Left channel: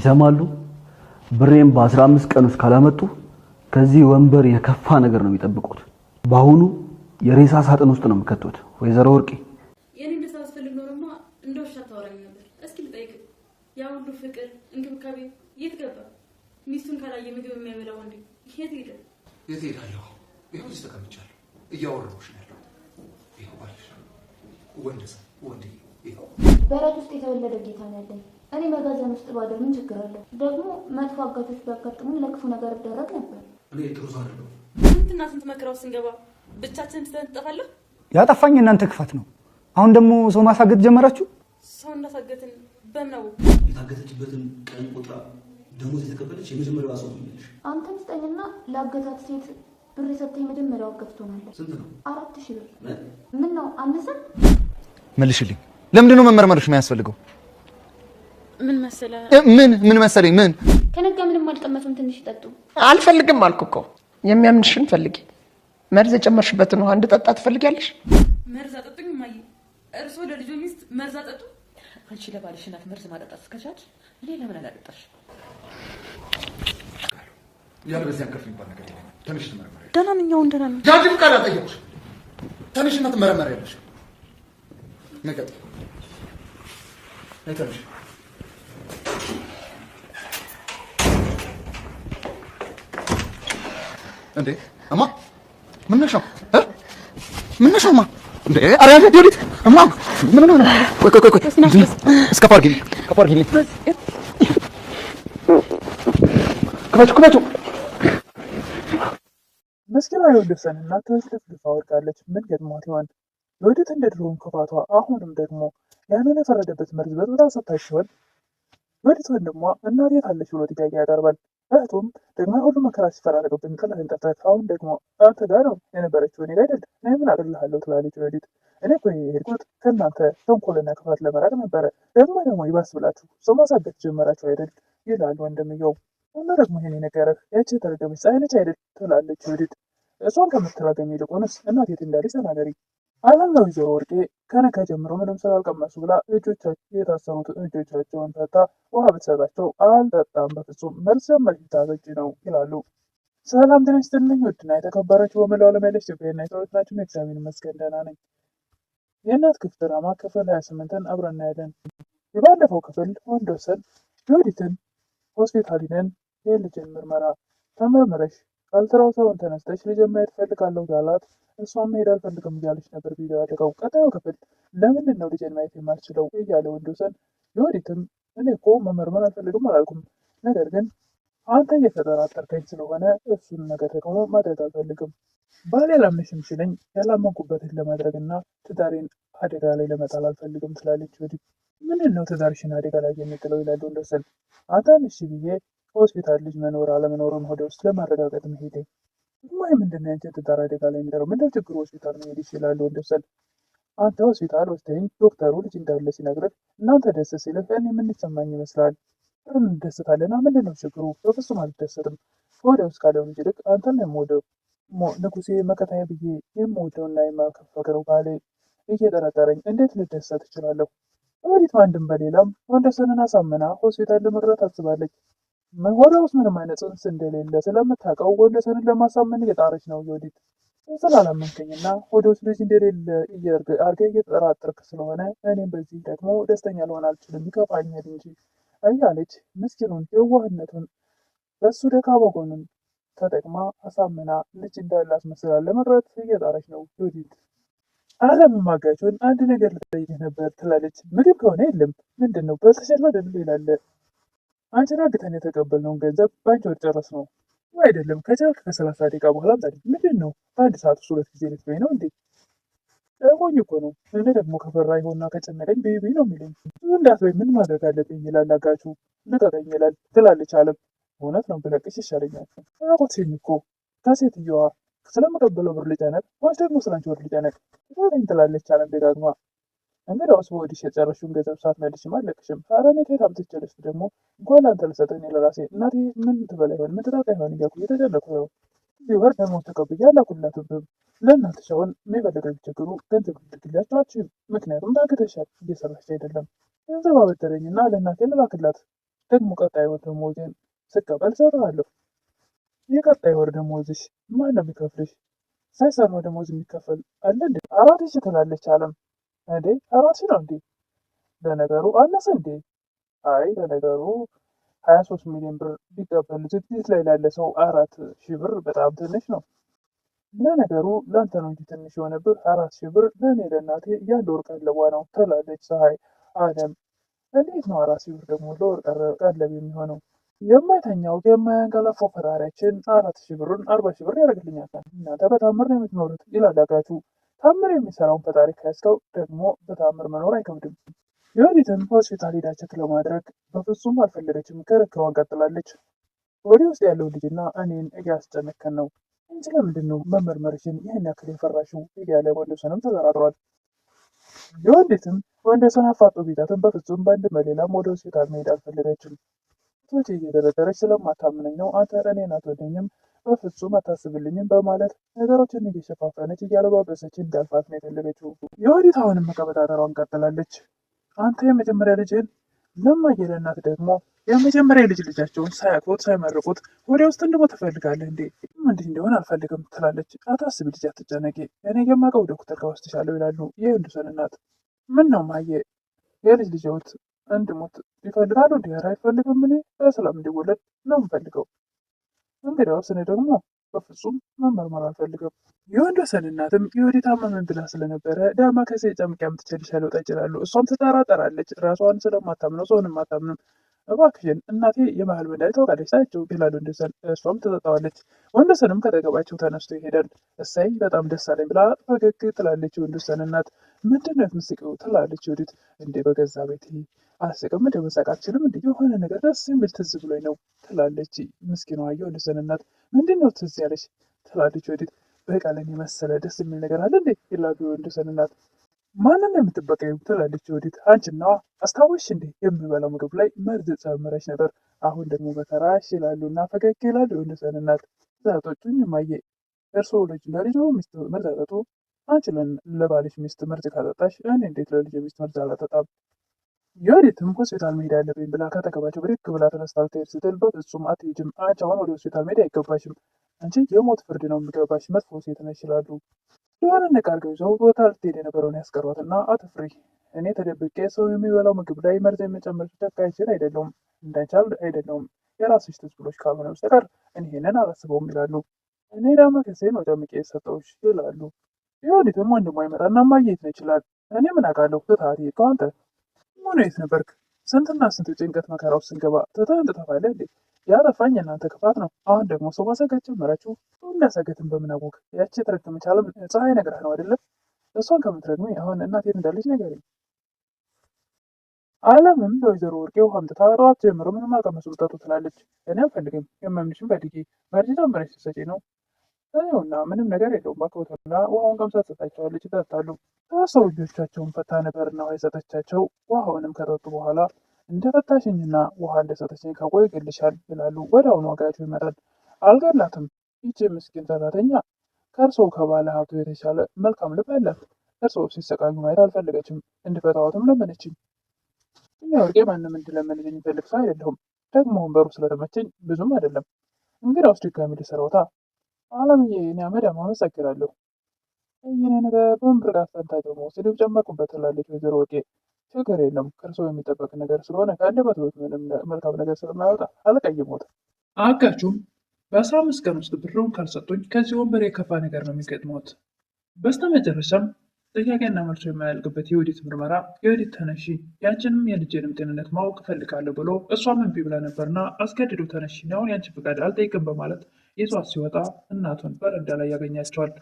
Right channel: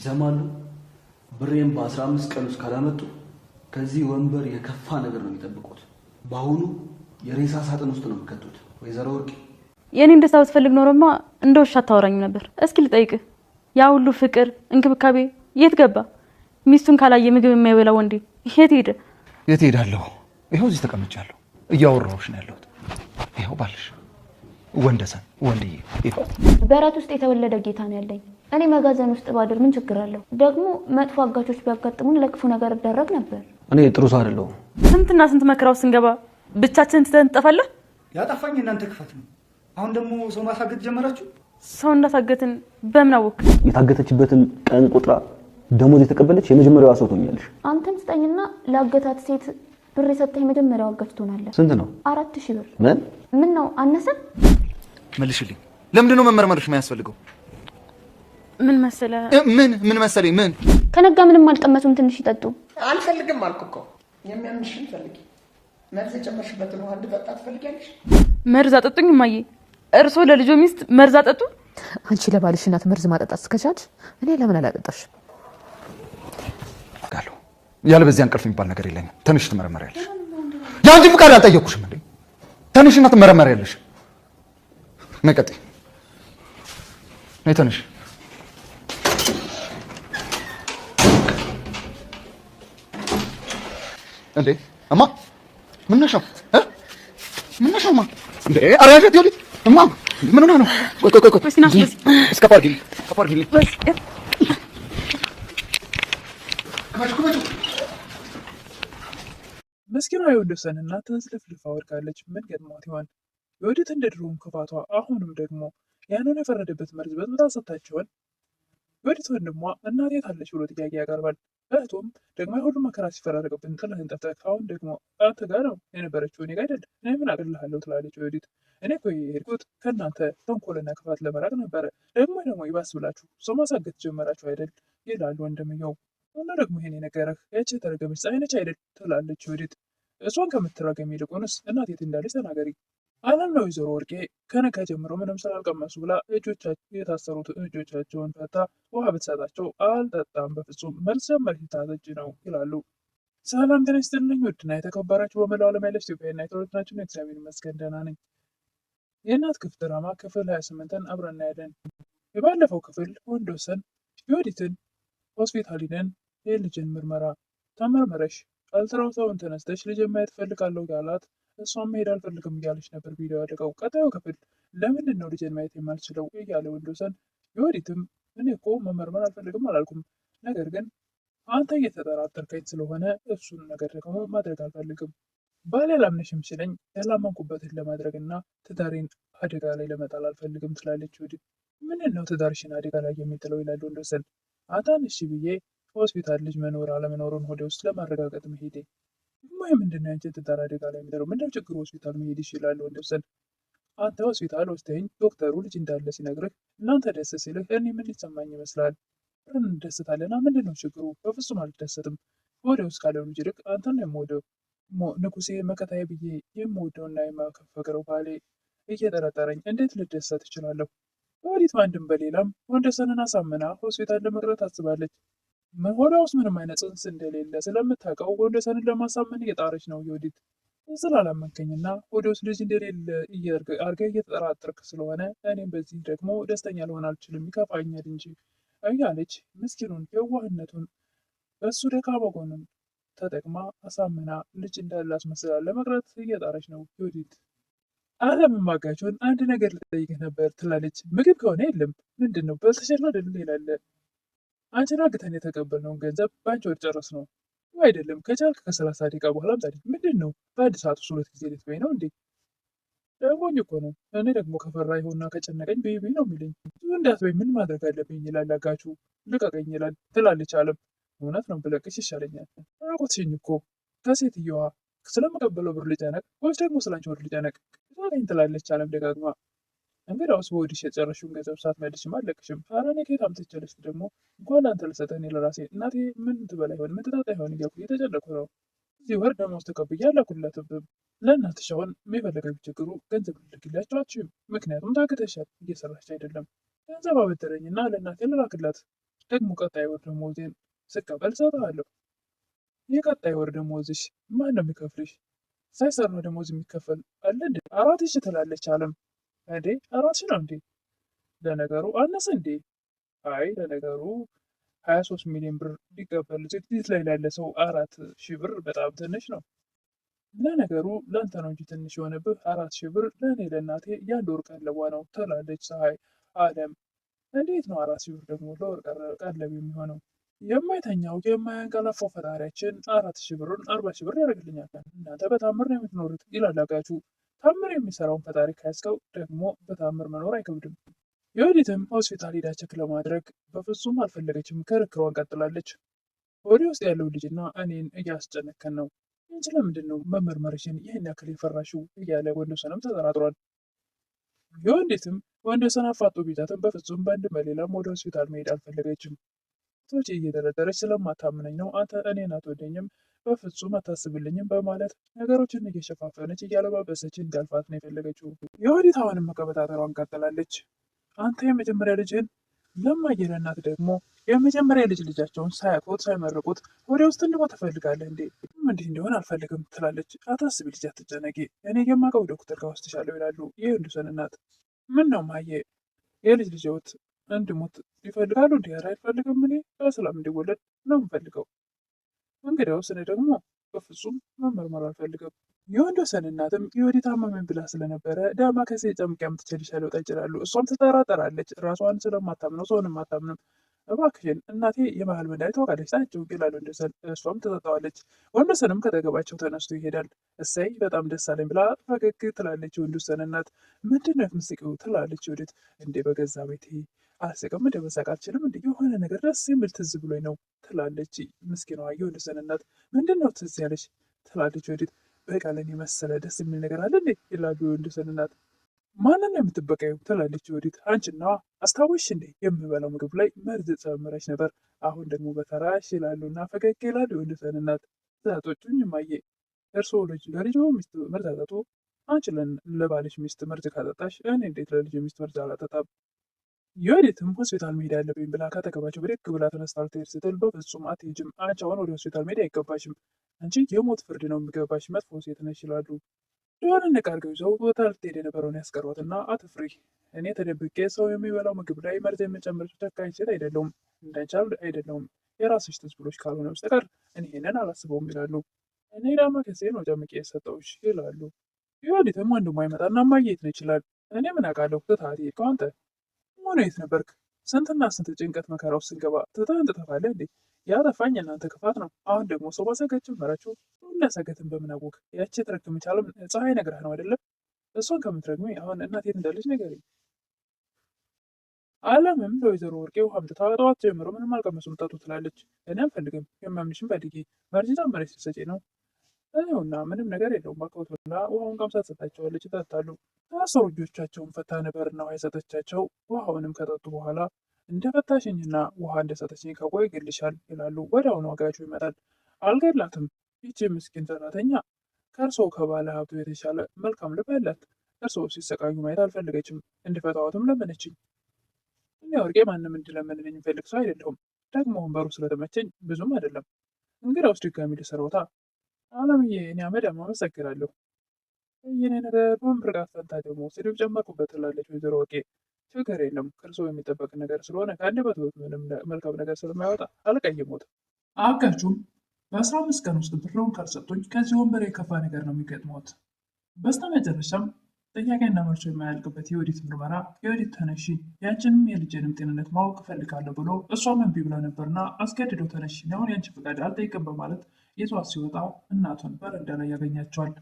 ይሰማሉ። ብሬን በ15 ቀን ውስጥ ካላመጡ ከዚህ ወንበር የከፋ ነገር ነው የሚጠብቁት። ባሁኑ የሬሳ ሳጥን ውስጥ ነው የምከቱት። ወይዘሮ ወርቄ የኔ እንደዛ ብትፈልግ ኖሮማ እንደ ውሻ አታወራኝም ነበር። እስኪ ልጠይቅ፣ ያ ሁሉ ፍቅር እንክብካቤ የት ገባ? ሚስቱን ካላየ ምግብ የማይበላ ወንዴ የት ሄደ? የት ሄዳለሁ? ይኸው እዚህ ተቀምጫለሁ፣ እያወራሁሽ ነው ያለሁት። ይኸው ባልሽ ወንደሰን ወንድዬ፣ ይኸው በራት ውስጥ የተወለደ ጌታ ነው ያለኝ። እኔ መጋዘን ውስጥ ባድር ምን ችግር አለው? ደግሞ መጥፎ አጋቾች ቢያጋጥሙን ለክፉ ነገር ይደረግ ነበር። እኔ ጥሩ ሰው አይደለሁም። ስንትና ስንት መከራው ስንገባ ብቻችንን ትተን እንጠፋለን። ያጠፋኝ እናንተ ክፋት ነው። አሁን ደግሞ ሰው ማሳገት ጀመራችሁ። ሰው እንዳታገትን በምን አወቅ? የታገተችበትን ቀን ቁጥራ ደሞዝ የተቀበለች የመጀመሪያዋ ሰው ትሆኛለሽ። አንተም ስጠኝና ለአገታት ሴት ብር የሰጠህ የመጀመሪያው አጋች ትሆናለህ። ስንት ነው? 4000 ብር። ምን ነው አነሰን? መልሽልኝ። ለምንድን ነው መመርመርሽ የሚያስፈልገው? ምን መሰለ ምን መሰለኝ? ምን ከነጋ ምንም አልቀመሱም። ትንሽ ይጠጡ። አልፈልግም አልኩ እኮ። የሚያምንሽን ፈልጊ። መርዝ የጨመርሽበትን ውሃ እንድጠጣ ትፈልጊያለሽ? መርዝ አጠጡኝ እማዬ። እርሶ ለልጆ ሚስት መርዝ አጠጡ? አንቺ ለባልሽ እናት መርዝ ማጠጣት እስከቻልሽ እኔ ለምን አላጠጣሽ? ያለ በዚህ እንቅልፍ የሚባል ነገር የለኝም። ተነሽ ትመረመሪያለሽ። ደህና ነኝ። አሁን ደህና ነኝ። ያንቺ ፍቃድ አልጠየኩሽም እንዴ? ተነሽና ትመረመሪያለሽ። ነቀጤ ነይ ተነሽ። እንዴ እማ ምን ነሽ ነው? ምን ነሽ እማ? እንዴ አራያ ዲዮዲት እማ ምን ነው? ቆይ እስከ ፓርኪ ከፈቹ መስኪና የወደሰን እናት ተስለፍልፋ ወድቃለች። ምን ገጥሟት ይሆን? የወዲት እንደ ድሮውን ክፋቷ አሁንም ደግሞ ያንን የፈረደበት መርዝ በጥብጣ ሰጥታሽ ሲሆን የወዲት ወንድሟ እናት የት አለች ብሎ ጥያቄ ያቀርባል። እህቱም ደግሞ የሁሉ መከራ ሲፈራረቅብን ጥለህን ጠፍተህ አሁን ደግሞ አንተ ጋር ነው የነበረችው እኔ ጋር አይደል? እኔ ምን አቅልልሃለሁ ትላለች የወዲት። እኔ እኮ የሄድኩት ከእናንተ ተንኮልና ክፋት ለመራቅ ነበረ። ደግሞ ይባስ ብላችሁ ሰው ማሳገት ጀመራችሁ አይደል? ይላል ወንድምየው። እና ደግሞ ይሄን የነገረህ ያቺ የተረገመች ፀሐይ ነች አይደል? ትላለች የወዲት። እሷን ከምትራገም ይልቁንስ እናት የት እንዳለች ተናገሪ አለም ነው። ወይዘሮ ወርቄ ከነጋ ጀምሮ ምንም ስላልቀመሱ ብላ የታሰሩት እጆቻቸውን ፈታ ውሃ ብትሰጣቸው አልጠጣም በፍጹም መልስ መርሂታጠጭ ነው ይላሉ። ሰላም ጤና ይስጥልኝ ውድና የተከበራችሁ በመላው ዓለም ያለች ኢትዮጵያና የተወደዳችሁ ነው። እግዚአብሔር ይመስገን ደህና ነኝ። የእናት ክፍል ድራማ ክፍል 28ን አብረን እናያለን። የባለፈው ክፍል ወንድወሰን የወዲትን ሆስፒታል ሂደን የልጅን ምርመራ ተመርምረሽ አልትራሳውንድ ተነስተሽ ልጅ ማየት እፈልጋለሁ ያላት እሷም መሄድ አልፈልግም እያለች ነበር ቪዲዮ ያደረገው። ቀጣዩ ክፍል ለምንድን ነው ልጅን ማየት የማልችለው እያለ ወንድወሰን የወዲትም እኔ እኮ መመርመር አልፈልግም አላልኩም፣ ነገር ግን አንተ እየተጠራጠርከኝ ስለሆነ እሱን ነገር ደግሞ ማድረግ አልፈልግም። ባል ያላምነሽም ሲለኝ ያላመንኩበትን ለማድረግና ትዳሬን አደጋ ላይ ለመጣል አልፈልግም ትላለች ወዲት። ምንድን ነው ትዳርሽን አደጋ ላይ የሚጥለው ይላል ወንድወሰን። አንተን እሺ ብዬ ሆስፒታል ልጅ መኖር አለመኖርን ሆዴ ውስጥ ለማረጋገጥ መሄዴ ደግሞ ምንድን ነው ያንቺን ትዳር አደጋ ላይ የሚጥለው? ምንድነው ችግሩ? ሆስፒታል መሄድ ይችላል ወንድወሰን። አንተ ሆስፒታል ወስደኝ ዶክተሩ ልጅ እንዳለ ሲነግርህ እናንተ ደስ ሲልህ እኔ ምን ሊሰማኝ ይመስላል? እንደሰታለና ምንድን ነው ችግሩ? በፍጹም አልደሰትም። ሆዴ ውስጥ ካለው ልጅ ይልቅ አንተን ነው የምወደው። ንጉሴ መከታዬ ብዬ የምወደውና የማፈቅረው ባሌ እየጠረጠረኝ እንዴት ልደሰት እችላለሁ? ወዲት በአንድም በሌላም ወንድወሰንን አሳምና ሆስፒታል ለመቅረት አስባለች። ሆዷ ውስጥ ምንም አይነት ጽንስ እንደሌለ ስለምታውቀው ወንድወሰንን ለማሳመን እየጣረች ነው። የወዲት ስላላመንከኝና ሆዷ ውስጥ ልጅ እንደሌለ አድርገህ እየተጠራጠርክ ስለሆነ እኔም በዚህ ደግሞ ደስተኛ ልሆን አልችልም፣ ይከፋኛል እንጂ እያለች ምስኪኑን የዋህነቱን በእሱ ደካማ ጎኑን ተጠቅማ አሳምና ልጅ እንዳለ አስመስላ ለመቅረት እየጣረች ነው የወዲት። አለመማጋቸውን አንድ ነገር ልጠይቅህ ነበር ትላለች። ምግብ ከሆነ የለም ምንድን ነው በተሸላ ደል ይላለ። አንቺን አግተን የተቀበልነውን ገንዘብ በአንቺ ወር ጨረስ ነው አይደለም? ከቻልክ ከ30 ደቂቃ በኋላ አምጣልኝ። ምንድን ነው በአንድ ሰዓት ውስጥ 2 ጊዜ ልትበይ ነው እንዴ? ሞኝ እኮ ነው። እኔ ደግሞ ከፈራ ይሆንና ከጨነቀኝ ቤቢ ነው የሚለኝ። ብዙ እንዳትበይ ምን ማድረግ አለብኝ ይላል አጋቹ። ልቀቀኝ ይላል ትላለች አለም። እውነት ነው ብለቅሽ ይሻለኛል። ራቆትሽኝ እኮ ከሴትየዋ ስለመቀበለው ብር ልጨነቅ ወይስ ደግሞ ስላንቺ ወር ልጨነቅ? ልቀቀኝ ትላለች አለም ደጋግማ። እንግዲያውስ በወዲሽ የጨረሽውን ገንዘብ ሳትመልሽም አልለቅሽም። ኧረ እኔ ከየት አምጥቼ ልስጥ ደግሞ? እንኳን ለአንተ ልሰጥህ እኔ ለራሴ እናቴ ምን ትበላ ይሆን ምን ትጠጣ ይሆን እያልኩ እየተጨነኩ ነው። እዚህ ወር ደመወዝ ተቀብዬ አላኩላትም። ለእናትሽ አሁን የፈለገ ቢቸግሩ ገንዘብ ልልክላቸው አትችይም፣ ምክንያቱም ታግተሻል፣ እየሰራች አይደለም። ገንዘብ አበደረኝና ለእናቴ ልላክላት ደግሞ ቀጣይ ወር ደሞዜን ስቀበል እሰጥሃለሁ። የቀጣይ ወር ደሞዝሽ ማን ነው የሚከፍልሽ? ሳይሰራ ደሞዝ የሚከፈል አለ እንዴ? 4,000 ትላለች አለም። እንዴ 4,000 ነው እንዴ? ለነገሩ አነሰ እንዴ? አይ ለነገሩ 23 ሚሊዮን ብር ሊቀበል ዝግጅት ላይ ላለ ሰው 4,000 ብር በጣም ትንሽ ነው። ለነገሩ ለአንተ ነው እንጂ ትንሽ የሆነብህ 4,000 ብር ለእኔ ለእናቴ የአንድ ወር ቀለቧ ነው ትላለች ፀሐይ። አለም እንዴት ነው 4,000 ብር ደግሞ ለወር ቀለብ የሚሆነው? የማይተኛው የማያንቀላፋው ፈጣሪያችን 4,000 ብሩን 40,000 ብር ያደርግልኛል። እናንተ በታምር ነው የምትኖሩት ይላል አጋቹ። ታምር የሚሰራውን ፈጣሪ ካያስከው ደግሞ በታምር መኖር አይከብድም። የወዲትም ሆስፒታል ሄዳ ቼክ ለማድረግ በፍጹም አልፈለገችም። ክርክሯን ቀጥላለች። ወዲ ውስጥ ያለው ልጅና እኔን እያስጨነከን ነው እንጂ ለምንድን ነው መመርመርሽን ይህን ያክል የፈራሽው? እያለ ወንዶሰንም ተጠራጥሯል። የወንዲትም ወንዶሰን አፋጦ ቢዛትም በፍጹም በአንድም በሌላም ወደ ሆስፒታል መሄድ አልፈለገችም። ቶቼ እየደረደረች ስለማታምነኝ ነው አንተ እኔን አትወደኝም፣ በፍጹም አታስብልኝም በማለት ነገሮችን እየሸፋፈነች እያለባበሰች እንዳልፋት ነው የፈለገችው። የወዲት አሁንም መቀበጣጠሯን ቀጥላለች። አንተ የመጀመሪያ ልጅህን ለማየ ለእናት ደግሞ የመጀመሪያ ልጅ ልጃቸውን ሳያውቁት ሳይመርቁት ወደ ውስጥ እንድሞ ትፈልጋለህ እንዴ? እንዲህ እንደሆን አልፈልግም ትላለች። አታስቢ ልጅ አትጨነቂ፣ እኔ የማውቀው ዶክተር ጋር ወስድሻለሁ ይላሉ የወንዶሰን እናት። ምን ነው ማየ የልጅ ልጅዎት እንድሞት ይፈልጋሉ እንዲህ? ኧረ አይፈልግም፣ እኔ በሰላም እንዲወለድ ነው የምፈልገው። እንግዲያውስ እኔ ደግሞ በፍጹም መመርመር አልፈልግም። የወንዶሰን እናትም የወዲት አመመን ብላ ስለነበረ ዳማ ከሴ ጨምቄ አምጥቼልሻለሁ ጠጪ ይላሉ። እሷም ትጠራጠራለች፣ ራሷን ስለማታምነው ሰውንም አታምንም። እባክሽን እናቴ የባህል መድኃኒት ታውቃለች ታያቸው ይላሉ ወንዶሰን። እሷም ትጠጣዋለች። ወንዶሰንም ከጠገባቸው ተነስቶ ይሄዳል። እሰይ በጣም ደስ አለኝ ብላ ፈገግ ትላለች የወንዶሰን እናት። ምንድን ነው የምትስቂው ትላለች ወዲት። እንዴ በገዛ ቤቴ አልስቅም እንደ መሳቅ አልችልም እንዴ? የሆነ ነገር ደስ የሚል ትዝ ብሎኝ ነው ትላለች ምስኪኗ የወንዶሰን እናት። ምንድን ነው ትዝ ያለች ትላለች ወዲት። በቀለን የመሰለ ደስ የሚል ነገር አለ እንዴ? ይላሉ የወንዶሰን እናት። ማንን ነው የምትበቀዩ ትላለች ወዲት። አንቺናዋ አስታወሽ እንዴ? የምበላው ምግብ ላይ መርዝ ጨምረሽ ነበር፣ አሁን ደግሞ በተራሽ ይላሉ እና ፈገግ ይላሉ የወንዶሰን እናት። ዛቶቹኝ ማየ እርስዎ ልጅ ለልጅ ሚስት መርዝ አጠጡ? አንቺ ለባልሽ ሚስት መርዝ ካጠጣሽ እኔ እንዴት ለልጅ ሚስት መርዝ አላጠጣም? የወዲትም ሆስፒታል መሄድ ያለብኝ ብላ ከተገባቸው ብድግ ብላ ተነስታ ልትሄድ ስትል በፍጹም አትሄጂም፣ አንቺ አሁን ወደ ሆስፒታል መሄድ አይገባሽም፣ አንቺ የሞት ፍርድ ነው የሚገባሽ፣ መጥፎ ሴት ነሽ ይላሉ። የሆነ ንቃርገው ሰው ቦታ ልትሄድ የነበረውን ያስቀሯትና አትፍሪ፣ እኔ ተደብቄ ሰው የሚበላው ምግብ ላይ መርዝ የመጨመር ጨካኝ አይደለሁም፣ እንዳንቻል አይደለሁም፣ የራስሽ ትዝ ብሎሽ ካልሆነ በስተቀር እኔ ይሄንን አላስበውም ይላሉ። እኔ ዳማ ከሴ ነው ጨምቄ የሰጠውሽ ይላሉ። የወዲትም ወንድሟ ይመጣና ማየት ነው ይችላል። እኔ ምን አውቃለሁ ትታት ከአንተ ምን የት ነበርክ? ስንትና ስንት ጭንቀት መከራ ውስጥ ስንገባ ትተህን ትጠፋለህ እንዴ? ያጠፋኝ እናንተ ክፋት ነው። አሁን ደግሞ ሰው ማሰጋት ጀመራችሁ። እንዳሰገትን በምን አወቅ? ያቺ የተረገመች አለም ፀሐይ ነግረህ ነው አይደለም? እሷን ከምትረግሜ አሁን እናቴን እንዳለች ንገሪኝ። አለምም ለወይዘሮ ወርቄ ውሃ አምጥታ ጠዋት ጀምሮ ምንም አልቀመሱም ጠጡ ትላለች። እኔ አልፈልግም፣ የማምንሽም በድጌ በርጅ ጨመረች ስትሰጪ ነው እና ምንም ነገር የለውም ባክቦት ብላ ውሃውን ቀምሳ ትሰጣቸዋለች። ይጠጣሉ። ታሰሩ እጆቻቸውን ፈታ ነበርና ውሃ የሰጠቻቸው። ውሃውንም ከጠጡ በኋላ እንደፈታሽኝና ውሃ እንደሰጠችኝ ካወይ ይገልሻል ይላሉ። ወዲያውኑ አጋቹ ይመጣል። አልገላትም። ይቺ ምስኪን ሰራተኛ ከእርስዎ ከባለ ሀብቱ የተሻለ መልካም ልብ ያላት፣ እርስዎ ሲሰቃዩ ማየት አልፈለገችም። እንድፈታዋትም ለመነችኝ። እኛ ወርቄ ማንም እንድለመንልኝ የሚፈልግ ሰው አይደለሁም። ደግሞ ወንበሩ ስለተመቸኝ ብዙም አይደለም። እንግዲያውስ ድጋሚ ልስረውታ። አለምዬ እኔ አመዳም አመሰግናለሁ። ይህኔ ነገር በምርቃት ፈንታ ደግሞ ስድብ ጨመርኩበት ትላለች ወይዘሮ ወርቄ። ችግር የለም ከእርስዎ የሚጠበቅ ነገር ስለሆነ ከአንደበትዎ ምንም መልካም ነገር ስለማያወጣ አልቀይሞት። አጋቹም በ15 ቀን ውስጥ ብርውን ካልሰጡኝ ከዚህ ወንበር የከፋ ነገር ነው የሚገጥመት። በስተመጨረሻም ጥያቄና መልሶ የማያልቅበት የወዲት ምርመራ የወዲት ተነሺ ያንቺንም የልጅንም ጤንነት ማወቅ እፈልጋለሁ ብሎ እሷም እምቢ ብላ ነበርና አስገድዶ ተነሺ አሁን ያንቺ ፍቃድ አልጠይቅም በማለት ይዟት ሲወጣ እናቱን በረንዳ ላይ ያገኛቸዋል።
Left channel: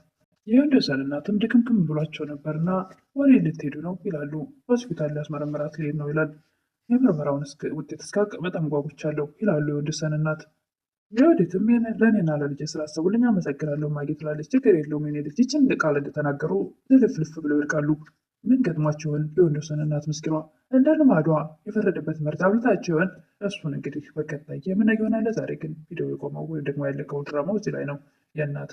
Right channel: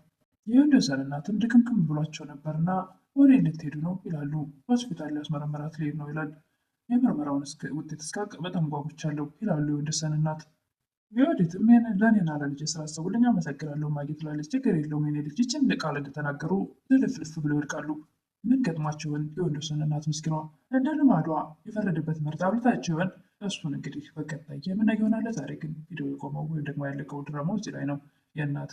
የወንዶሰን እናትም ድክምክም ብሏቸው ነበርና ወደ ልትሄዱ ነው ይላሉ። ሆስፒታል ሊያስመረምራት ሊሄድ ነው ይላል። የምርመራውን ውጤት እስካቅ በጣም ጓጉቻለሁ ይላሉ የወንዶሰን እናት። የወዲትም ለእኔና ለልጅ ስላሰቡልኝ አመሰግናለሁ ማጌ ትላለች። ችግር የለውም የኔ ልጅ ይችን ቃል እንደተናገሩ ልፍልፍ ብለው ይወድቃሉ። ምን ገጥሟቸውን የወንዶሰን እናት ምስኪኗ እንደ ልማዷ የፈረደበት መርዝ አብልታቸውን። እሱን እንግዲህ በቀጣይ የምናየው ይሆናል። ዛሬ ግን ቪዲዮ የቆመው ወይም ደግሞ ያለቀው ድራማው እዚህ ላይ ነው። የእናት